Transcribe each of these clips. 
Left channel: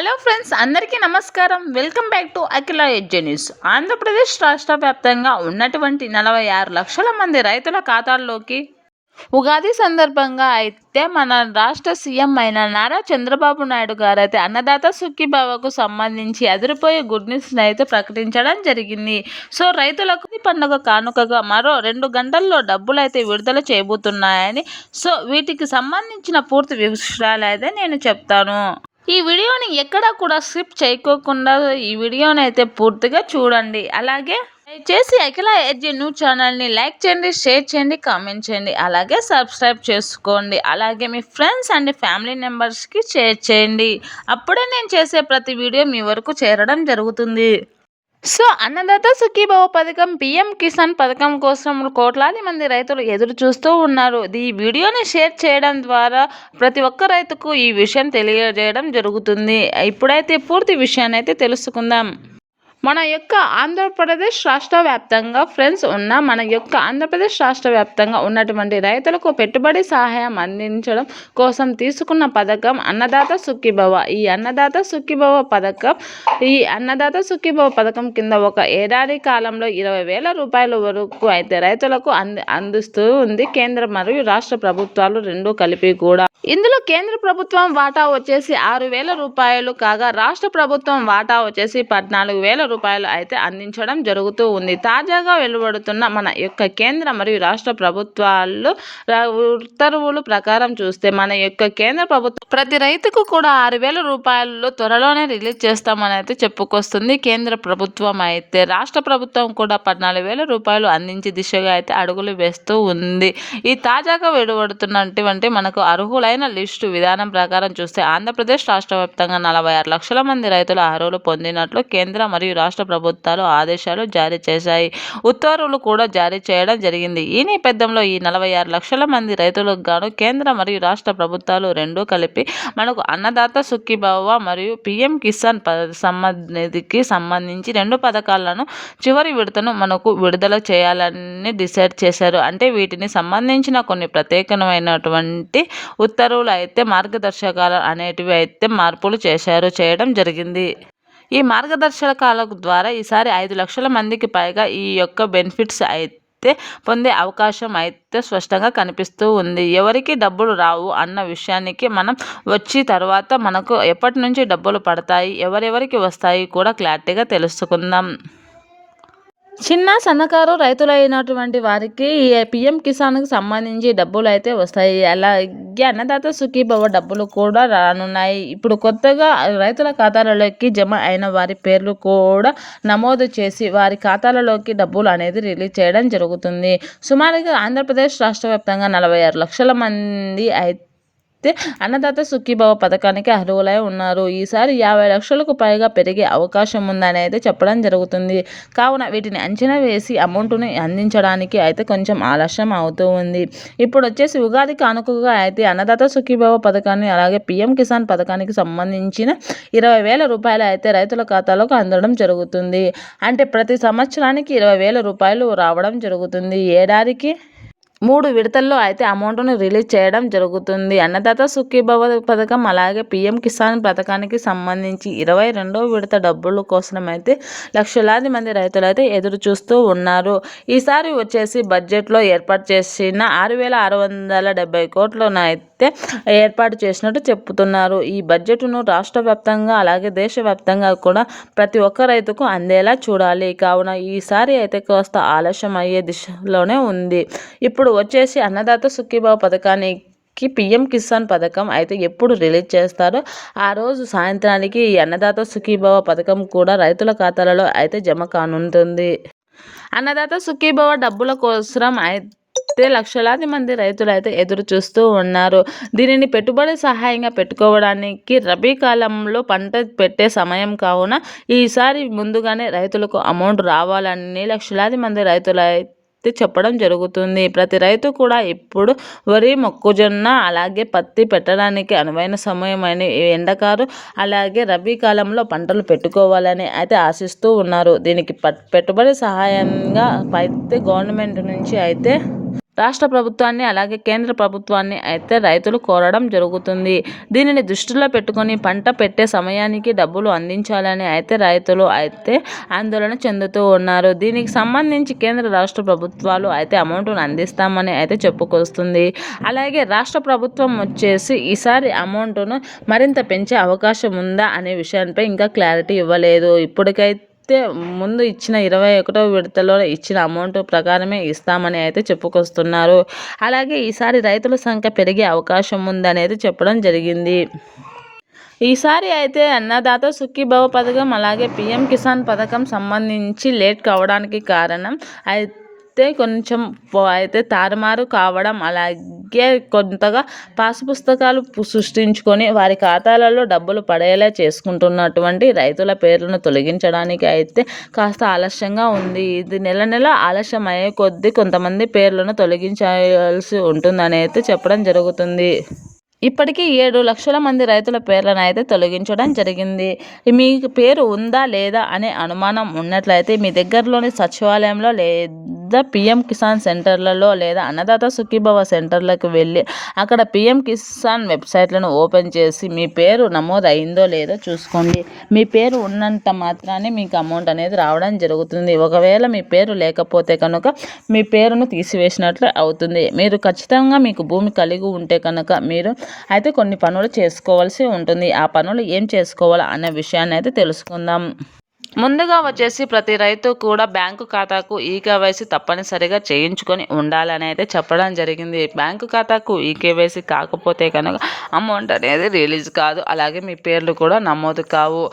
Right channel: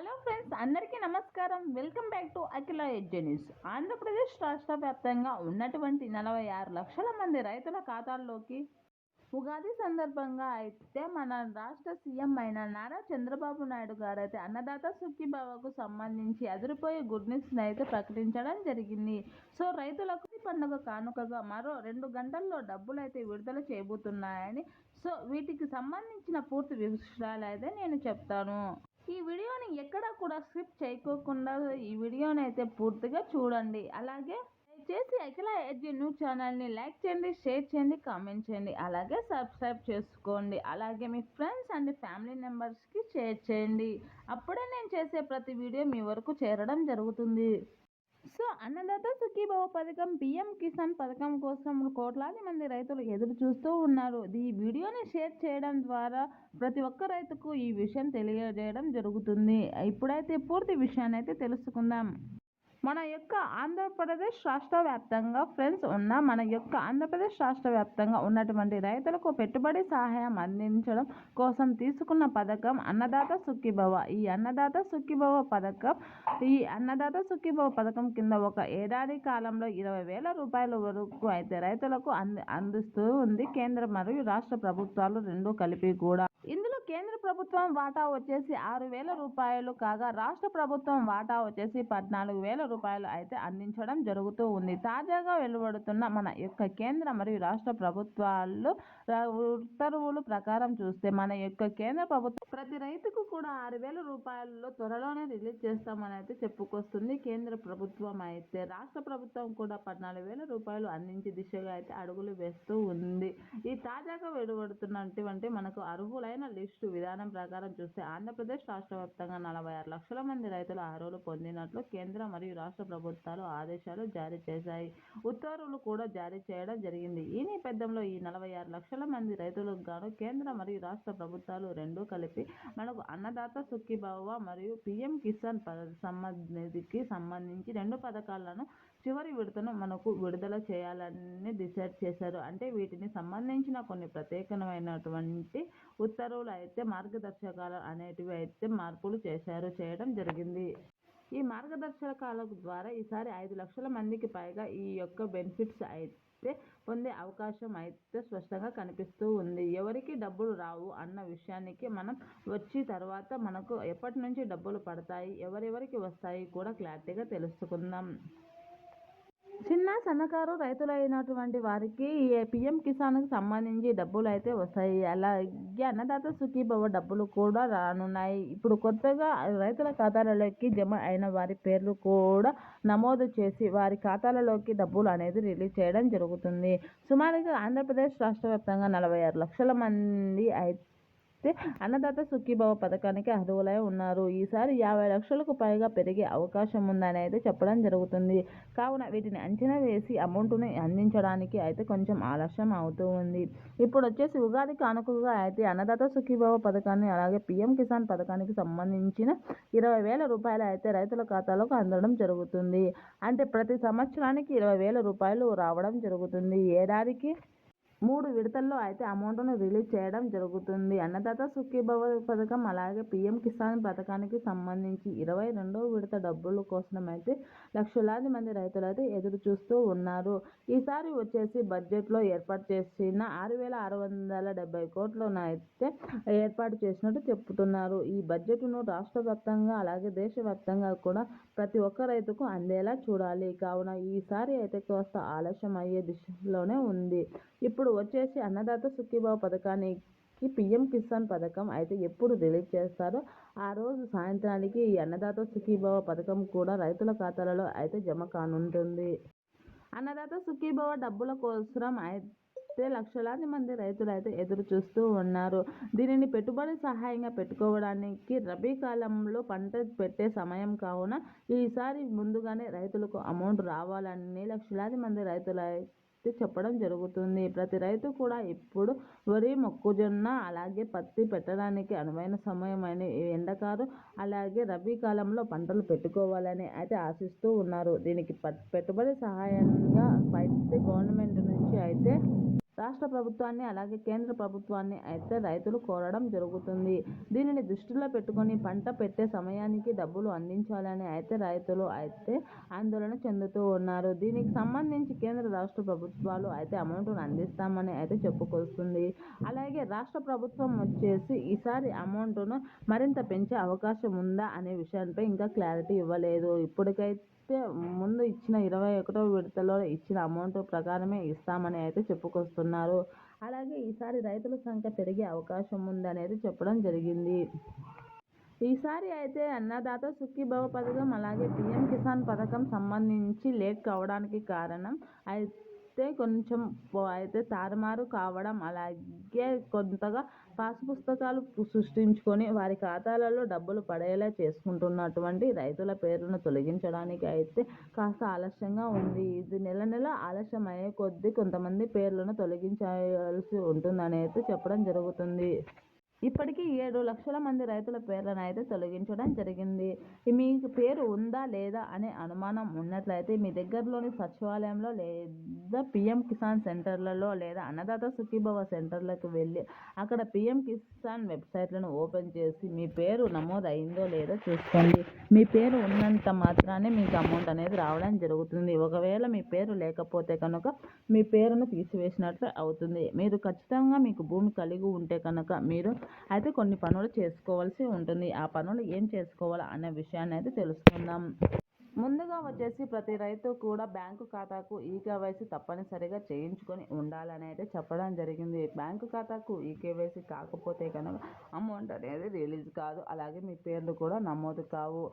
Hello friends, అందరికీ నమస్కారం. Welcome back to Akhila ఎడ్జే న్యూస్. ఆంధ్రప్రదేశ్ రాష్ట్ర వ్యాప్తంగా ఉన్నటువంటి 46 లక్షల మంది రైతుల ఖాతాల్లోకి ఉగాది సందర్భంగా అయితే మన రాష్ట్ర సీఎం అయిన నారా చంద్రబాబు నాయుడు గారు అయితే అన్నదాత సుఖీభావకు సంబంధించి అదిరిపోయే గుడ్ న్యూస్ని అయితే ప్రకటించడం జరిగింది. సో రైతులకు ఈ పండుగ కానుకగా మరో 2 గంటల్లో డబ్బులు అయితే విడుదల చేయబోతున్నాయని, సో వీటికి సంబంధించిన పూర్తి విషయాలు అయితే నేను చెప్తాను. ఈ వీడియోని ఎక్కడా కూడా స్కిప్ చేయకోకుండా ఈ వీడియోని అయితే పూర్తిగా చూడండి. అలాగే దయచేసి అఖిల ఎడ్జే న్యూస్ ఛానల్ని లైక్ చేయండి, షేర్ చేయండి, కామెంట్ చేయండి. అలాగే సబ్స్క్రైబ్ చేసుకోండి. అలాగే మీ ఫ్రెండ్స్ అండ్ ఫ్యామిలీ మెంబర్స్కి షేర్ చేయండి. అప్పుడే నేను చేసే ప్రతి వీడియో మీ వరకు చేరడం జరుగుతుంది. సో అన్నదాత సుఖీభవ పథకం, పిఎం కిసాన్ పథకం కోసం కోట్లాది మంది రైతులు ఎదురు చూస్తూ ఉన్నారు. ఈ వీడియోని షేర్ చేయడం ద్వారా ప్రతి ఒక్క రైతుకు ఈ విషయం తెలియజేయడం జరుగుతుంది. ఇప్పుడైతే పూర్తి విషయాన్ని అయితే తెలుసుకుందాం. మన యొక్క ఆంధ్రప్రదేశ్ రాష్ట్ర వ్యాప్తంగా ఆంధ్రప్రదేశ్ రాష్ట్ర వ్యాప్తంగా ఉన్నటువంటి రైతులకు పెట్టుబడి సహాయం అందించడం కోసం తీసుకున్న పథకం అన్నదాత సుఖీభవ. ఈ అన్నదాత సుఖీభవ పథకం కింద ఒక ఏడాది కాలంలో 20,000 రూపాయల వరకు అయితే రైతులకు అందిస్తూ ఉంది కేంద్ర మరియు రాష్ట్ర ప్రభుత్వాలు రెండూ కలిపి కూడా. ఇందులో కేంద్ర ప్రభుత్వం వాటా వచ్చేసి 6,000 రూపాయలు కాగా రాష్ట్ర ప్రభుత్వం వాటా వచ్చేసి 14,000 రూపాయలు అయితే అందించడం జరుగుతూ ఉంది. తాజాగా వెలువడుతున్న మన యొక్క కేంద్ర మరియు రాష్ట్ర ప్రభుత్వాలు ఉత్తర్వుల ప్రకారం చూస్తే మన యొక్క కేంద్ర ప్రభుత్వం ప్రతి రైతుకు కూడా 6,000 రూపాయలు త్వరలోనే రిలీజ్ చేస్తామని అయితే చెప్పుకొస్తుంది కేంద్ర ప్రభుత్వం. అయితే రాష్ట్ర ప్రభుత్వం కూడా 14,000 రూపాయలు అందించే దిశగా అయితే అడుగులు వేస్తూ ఉంది. ఈ తాజాగా వెలువడుతున్నటువంటి మనకు అర్హులైన లిస్టు విధానం ప్రకారం చూస్తే ఆంధ్రప్రదేశ్ రాష్ట్ర వ్యాప్తంగా 46 లక్షల మంది రైతులు అర్హులు పొందినట్లు కేంద్ర మరియు రాష్ట్ర ప్రభుత్వాలు ఆదేశాలు జారీ చేశాయి. ఉత్తర్వులు కూడా జారీ చేయడం జరిగింది. ఈ నేపథ్యంలో ఈ 46 లక్షల మంది రైతులకు గాను కేంద్ర మరియు రాష్ట్ర ప్రభుత్వాలు రెండూ కలిపి మనకు అన్నదాత సుఖీభవ మరియు పిఎం కిసాన్ నిధికి సంబంధించి 2 పథకాలను చివరి విడతను మనకు విడుదల చేయాలని డిసైడ్ చేశారు. అంటే వీటిని సంబంధించిన కొన్ని ప్రత్యేకమైనటువంటి ఉత్తర్వులు అయితే మార్గదర్శకాలు అనేటివి అయితే మార్పులు చేయడం జరిగింది. ఈ మార్గదర్శకాల ద్వారా ఈసారి 5 లక్షల మందికి పైగా ఈ యొక్క బెనిఫిట్స్ అయితే పొందే అవకాశం అయితే స్పష్టంగా కనిపిస్తూ ఉంది. ఎవరికి డబ్బులు రావు అన్న విషయానికి మనం వచ్చి తర్వాత మనకు ఎప్పటి నుంచి డబ్బులు పడతాయి, ఎవరెవరికి వస్తాయి కూడా క్లారిటీగా తెలుసుకుందాం. చిన్న సన్నకారు రైతులైనటువంటి వారికి ఈ పిఎం కిసాన్కి సంబంధించి డబ్బులు అయితే వస్తాయి. అలాగే అన్నదాత సుఖీభవ డబ్బులు కూడా రానున్నాయి. ఇప్పుడు కొత్తగా రైతుల ఖాతాలలోకి జమ అయిన వారి పేర్లు కూడా నమోదు చేసి వారి ఖాతాలలోకి డబ్బులు అనేది రిలీజ్ చేయడం జరుగుతుంది. సుమారుగా ఆంధ్రప్రదేశ్ రాష్ట్ర వ్యాప్తంగా 46 లక్షల మంది అయితే అన్నదాత సుఖీభవ పథకానికి అర్హులై ఉన్నారు. ఈసారి 50 లక్షలకు పైగా పెరిగే అవకాశం ఉందని అయితే చెప్పడం జరుగుతుంది. కావున వీటిని అంచనా వేసి అమౌంట్ని అందించడానికి అయితే కొంచెం ఆలస్యం అవుతూ ఉంది. ఇప్పుడు వచ్చేసి ఉగాది కానుకగా అయితే అన్నదాత సుఖీభవ పథకాన్ని అలాగే పిఎం కిసాన్ పథకానికి సంబంధించిన 20,000 రూపాయలు అయితే రైతుల ఖాతాలోకి అందడం జరుగుతుంది. అంటే ప్రతి సంవత్సరానికి 20,000 రూపాయలు రావడం జరుగుతుంది. ఏడాదికి 3 విడతల్లో అయితే అమౌంట్ను రిలీజ్ చేయడం జరుగుతుంది. అన్నదాత సుఖీభవ పథకం అలాగే పిఎం కిసాన్ పథకానికి సంబంధించి 22వ విడత డబ్బుల కోసం అయితే లక్షలాది మంది రైతులు అయితే ఎదురు చూస్తూ ఉన్నారు. ఈసారి వచ్చేసి బడ్జెట్లో ఏర్పాటు చేసిన 6,670 కోట్లను అయితే ఏర్పాటు చేసినట్టు చెప్తున్నారు. ఈ బడ్జెట్ను రాష్ట్ర వ్యాప్తంగా అలాగే దేశవ్యాప్తంగా కూడా ప్రతి ఒక్క రైతుకు అందేలా చూడాలి. కావున ఈసారి అయితే కాస్త ఆలస్యం అయ్యే దిశలోనే ఉంది. ఇప్పుడు వచ్చేసి అన్నదాత సుఖీభవ పథకానికి పిఎం కిసాన్ పథకం అయితే ఎప్పుడు రిలీజ్ చేస్తారో ఆ రోజు సాయంత్రానికి ఈ అన్నదాత సుఖీభవ పథకం కూడా రైతుల ఖాతాలలో అయితే జమ కానుంటుంది. అన్నదాత సుఖీభవ డబ్బుల కోసం అయితే లక్షలాది మంది రైతులు అయితే ఎదురు చూస్తూ ఉన్నారు. దీనిని పెట్టుబడి సహాయంగా పెట్టుకోవడానికి రబీ కాలంలో పంట పెట్టే సమయం కావున ఈసారి ముందుగానే రైతులకు అమౌంట్ రావాలని లక్షలాది మంది రైతులు చెప్పడం జరుగుతుంది. ప్రతి రైతు కూడా ఇప్పుడు వరి, మొక్కజొన్న అలాగే పత్తి పెట్టడానికి అనువైన సమయమైన ఎండకారు అలాగే రబీ కాలంలో పంటలు పెట్టుకోవాలని అయితే ఆశిస్తూ ఉన్నారు. దీనికి పెట్టుబడి సహాయంగా అయితే గవర్నమెంట్ నుంచి అయితే రాష్ట్ర ప్రభుత్వాన్ని అలాగే కేంద్ర ప్రభుత్వాన్ని అయితే రైతులు కోరడం జరుగుతుంది. దీనిని దృష్టిలో పెట్టుకొని పంట పెట్టే సమయానికి డబ్బులు అందించాలని అయితే రైతులు అయితే ఆందోళన చెందుతూ ఉన్నారు. దీనికి సంబంధించి కేంద్ర రాష్ట్ర ప్రభుత్వాలు అయితే అమౌంట్ను అందిస్తామని అయితే చెప్పుకొస్తుంది. అలాగే రాష్ట్ర ప్రభుత్వం వచ్చేసి ఈసారి అమౌంట్ను మరింత పెంచే అవకాశం ఉందా అనే విషయానికి ఇంకా క్లారిటీ ఇవ్వలేదు. ఇప్పటికైతే ముందు ఇచ్చిన 21వ విడతలో ఇచ్చిన అమౌంట్ ప్రకారమే ఇస్తామని అయితే చెప్పుకొస్తున్నారు. అలాగే ఈసారి రైతుల సంఖ్య పెరిగే అవకాశం ఉందనేది చెప్పడం జరిగింది. ఈసారి అయితే అన్నదాత సుఖీభవ పథకం అలాగే పీఎం కిసాన్ పథకం సంబంధించి లేట్ కావడానికి కారణం అయితే కొంచెం అయితే తారుమారు కావడం, అలాగే కొంతగా పాసు పుస్తకాలు సృష్టించుకొని వారి ఖాతాలలో డబ్బులు పడేలా చేసుకుంటున్నటువంటి రైతుల పేర్లను తొలగించడానికి అయితే కాస్త ఆలస్యంగా ఉంది. ఇది నెల ఆలస్యం అయ్యే కొద్దీ కొంతమంది పేర్లను తొలగించాల్సి ఉంటుందని అయితే చెప్పడం జరుగుతుంది. ఇప్పటికీ 7 లక్షల మంది రైతుల పేర్లను అయితే తొలగించడం జరిగింది. మీకు పేరు ఉందా లేదా అనే అనుమానం ఉన్నట్లయితే మీ దగ్గరలోని సచివాలయంలో లేదా పీఎం కిసాన్ సెంటర్లలో లేదా అన్నదాత సుఖీభవ సెంటర్లకు వెళ్ళి అక్కడ పీఎం కిసాన్ వెబ్సైట్లను ఓపెన్ చేసి మీ పేరు నమోదు అయిందో లేదో చూసుకోండి. మీ పేరు ఉన్నంత మాత్రాన్ని మీకు అమౌంట్ అనేది రావడం జరుగుతుంది. ఒకవేళ మీ పేరు లేకపోతే కనుక మీ పేరును తీసివేసినట్లు అవుతుంది. మీరు ఖచ్చితంగా మీకు భూమి కలిగి ఉంటే కనుక మీరు అయితే కొన్ని పనులు చేసుకోవాల్సి ఉంటుంది. ఆ పనులు ఏం చేసుకోవాలా అనే విషయాన్ని అయితే తెలుసుకుందాం. ముందుగా వచ్చేసి ప్రతి రైతు కూడా బ్యాంకు ఖాతాకు ఈకేవైసీ తప్పనిసరిగా చేయించుకొని ఉండాలని అయితే చెప్పడం జరిగింది. బ్యాంకు ఖాతాకు ఈకేవైసీ కాకపోతే కనుక అమౌంట్ అనేది రిలీజ్ కాదు. అలాగే మీ పేర్లు కూడా నమోదు కావు.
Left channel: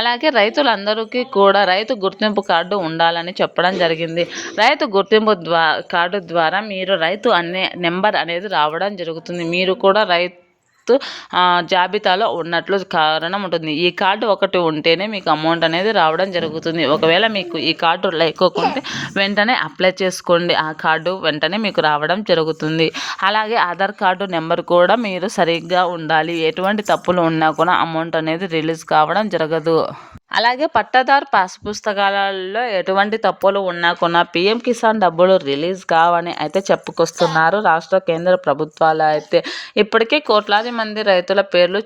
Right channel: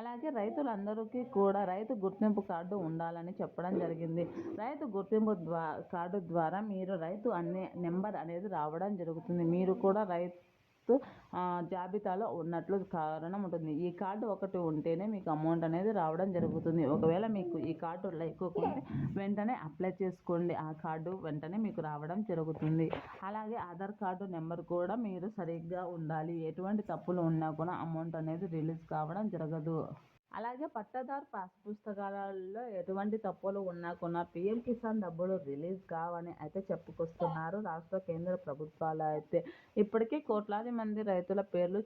అలాగే రైతులందరికీ కూడా రైతు గుర్తింపు కార్డు ఉండాలని చెప్పడం జరిగింది. రైతు గుర్తింపు కార్డు ద్వారా మీరు రైతు అనే నెంబర్ అనేది రావడం జరుగుతుంది. మీరు కూడా రైతు జాబితాలో ఉన్నట్లు కారణం ఉంటుంది. ఈ కార్డు ఒకటి ఉంటేనే మీకు అమౌంట్ అనేది రావడం జరుగుతుంది. ఒకవేళ మీకు ఈ కార్డు లేకపోతే వెంటనే అప్లై చేసుకోండి. ఆ కార్డు వెంటనే మీకు రావడం జరుగుతుంది. అలాగే ఆధార్ కార్డు నెంబర్ కూడా మీరు సరిగ్గా ఉండాలి. ఎటువంటి తప్పులు ఉన్నా కూడా అమౌంట్ అనేది రిలీజ్ కావడం జరగదు. అలాగే పట్టాదారు పాస్ పుస్తకాలలో ఎటువంటి తప్పులు ఉన్నా కూడా పీఎం కిసాన్ డబ్బులు రిలీజ్ కావని అయితే చెప్పుకొస్తున్నారు రాష్ట్ర కేంద్ర ప్రభుత్వాలు. అయితే ఇప్పటికే కోట్లాది మంది రైతుల పేర్లు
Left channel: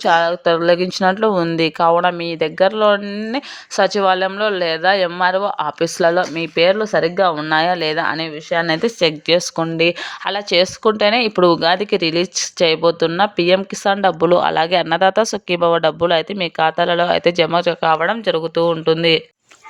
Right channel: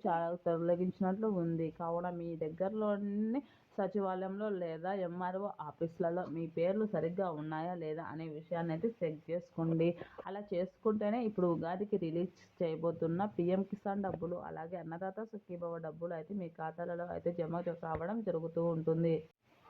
తొలగించినట్లు ఉంది. కావున మీ దగ్గరలోని సచివాలయంలో లేదా ఎంఆర్ఓ ఆఫీసులలో మీ పేర్లు సరిగ్గా ఉన్నాయా లేదా అనే విషయాన్ని అయితే చెక్ చేసుకోండి. అలా చేసుకుంటేనే ఇప్పుడు ఉగాదికి రిలీజ్ చేయబోతున్న పీఎం కిసాన్ డబ్బులు అలాగే అన్నదాత సుఖీభవ డబ్బులు అయితే మీ ఖాతాలలో అయితే జమ కావడం జరుగుతూ ఉంటుంది.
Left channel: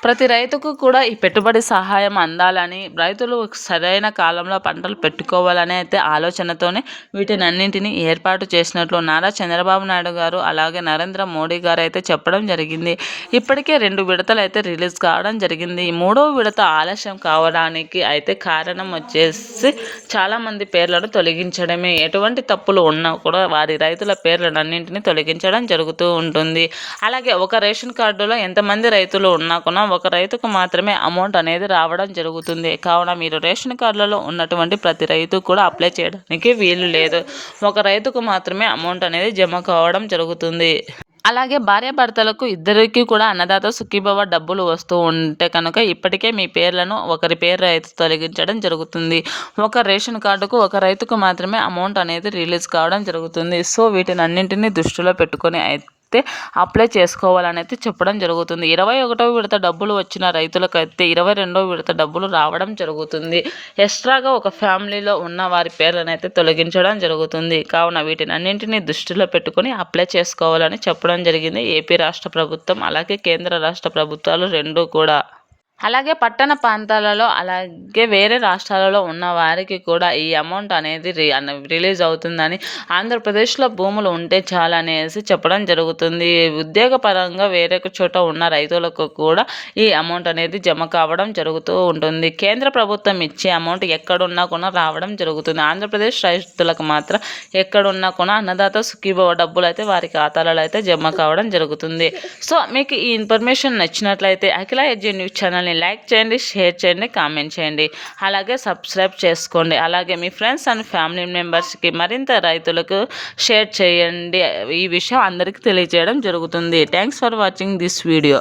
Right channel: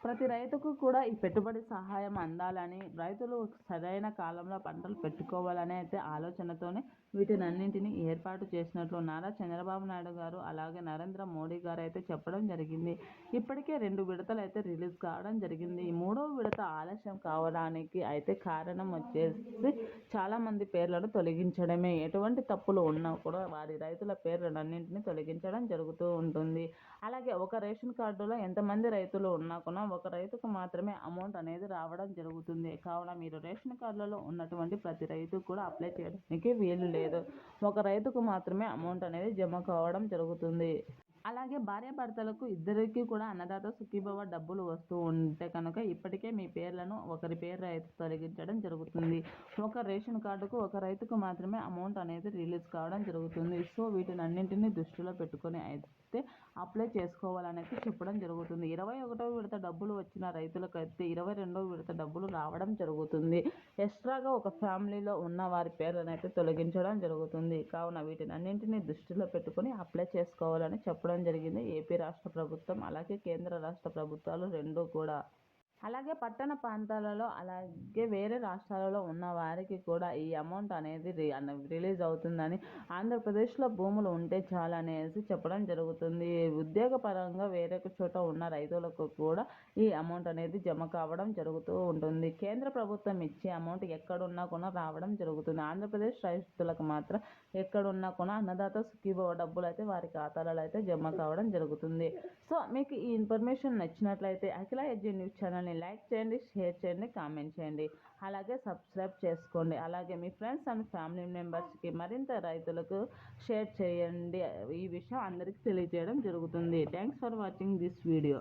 ప్రతి రైతుకు కూడా ఈ పెట్టుబడి సహాయం అందాలని, రైతులు సరైన కాలంలో పంటలు పెట్టుకోవాలని అయితే ఆలోచనతోనే వీటినన్నింటినీ ఏర్పాటు చేసినట్లు నారా చంద్రబాబు నాయుడు గారు అలాగే నరేంద్ర మోడీ గారు అయితే చెప్పడం జరిగింది. ఇప్పటికే 2 విడతలు అయితే రిలీజ్ కావడం జరిగింది. 3వ విడత ఆలస్యం కావడానికి అయితే కారణం వచ్చేసి చాలామంది పేర్లను తొలగించడమే. ఎటువంటి తప్పులు ఉన్నా కూడా వారి రైతుల పేర్లన్నింటినీ తొలగించడం జరుగుతూ ఉంటుంది. అలాగే ఒక రేషన్ కార్డులో ఎంతమంది రైతులు ఉన్నా కూడా ఒక రైతుకు మాత్రమే అమౌంట్ అనేది రావడం జరుగుతుంది. కావున మీరు రేషన్ కార్డులలో ఉన్నటువంటి ప్రతి రైతు కూడా అప్లై చేయడానికి వీలు లేదు. ఒక రైతుకు మాత్రమే అమౌంట్ అనేది జమ కావడం జరుగుతుంది. అలాగే భార్యాభర్తలకు ఇద్దరికీ కూడా అన్నదాత సుఖీభవ డబ్బులు వస్తూ ఉంటే కనుక ఇప్పటికే మీ పేర్లను ఒకరి పేరు అయితే తొలగించడం జరుగుతుంది. ఒక రేషన్ కార్డుకు ఒక రైతుకు మాత్రమే అమౌంట్ అనేది రిలీజ్ కావడం జరుగుతుంది. సో వీటినన్నింటినీ దృష్టిలో పెట్టుకొని అయితే అప్లై చేసుకోవాలని అయితే చెప్పడం జరుగుతుంది. 21వ విడత డబ్బులు వచ్చిన రైతులకైతే 22వ విడత డబ్బులు రావడం జరుగుతుంది. ఎక్స్ట్రాగా ఒక ఫ్యామిలీలో ఉన్న వారి పేర్లను అయితే తొలగించడం జరుగుతుంది. కావున వీటినన్నింటినీ దృష్టిలో పెట్టుకొని అప్లై చేసుకోవాలని చెప్పడం జరిగింది ఏపీ రాష్ట్ర ప్రభుత్వం అలాగే కేంద్ర రాష్ట్ర ప్రభుత్వాలు రెండూ కూడా. అలాగే పట్టణ ప్రాంతాలలో అలాగే వేరే రాష్ట్రాలలో ఉన్న వారికి కూడా ఈ అమౌంట్ అనేది రిలీజ్ అవుతుందని, ఆంధ్రప్రదేశ్లో భూములు ఉంటే చాలనేసి చెప్పడం జరుగుతుంది. ఉద్యోగపరంగా వేరే చోట ఉన్న రైతులకు కూడా ఈ అమౌంట్ అనేది జమ కావడం జరుగుతూ ఉంటుంది. కేంద్ర ప్రభుత్వం ఇచ్చే అమౌంట్ ఎక్కడున్నా కూడా రావడం జరుగుతుంది. ఆంధ్రప్రదేశ్ రైతులకు మాత్రం ఎక్కడున్నా కూడా అన్నదాత సుఖీభవ డబ్బులు అయితే వారి ఖాతాలలో అయితే జమ కావడం జరుగుతుంది. సో మీకు ఈ ఇన్ఫర్మేషన్ నచ్చినట్లయితే అఖిల ఎడ్జీ న్యూస్ ఛానల్ని లైక్ చేయండి, షేర్ చేయండి, కామెంట్ చేయండి. అలాగే సబ్స్క్రైబ్ చేసుకోండి. అలాగే మీ ఫ్రెండ్స్ అండ్ ఫ్యామిలీ మెంబర్స్కి మరింత రైతులకు షేర్ చేయండి. ఈ విషయం అందరికీ తెలియజేయడం జరుగుతుంది. Thanks for watching this video.